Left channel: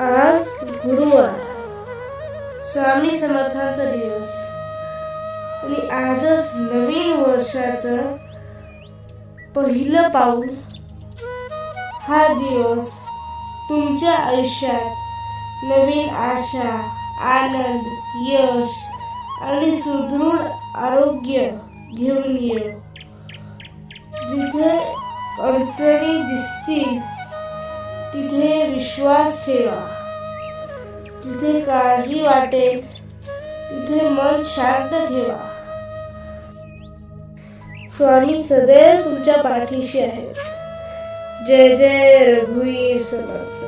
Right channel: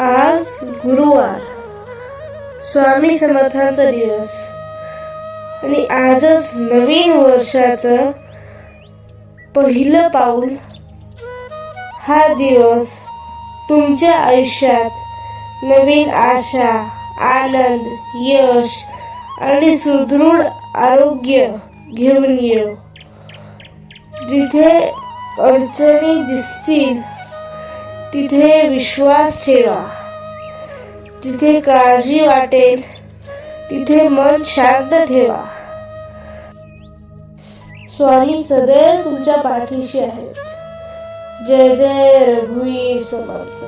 आज गुरुवार, स्वामी समर्थांचा दिवस आणि आजच नवीन वर्षाचं पहिलं पाऊल. हा दिवस तुमच्या आयुष्यात नवीन आशा, आनंद, यश आणि सुदृढ आरोग्य घेऊन येऊ. जिथे अडचणी दिसतील तिथे विश्वास ठेवा. जिथे काळजी वाटेल तिथे मन शांत ठेवा. स्वामी सदैव तुमच्या पाठीशी आहे. जय जय रघुवीर समर्थ.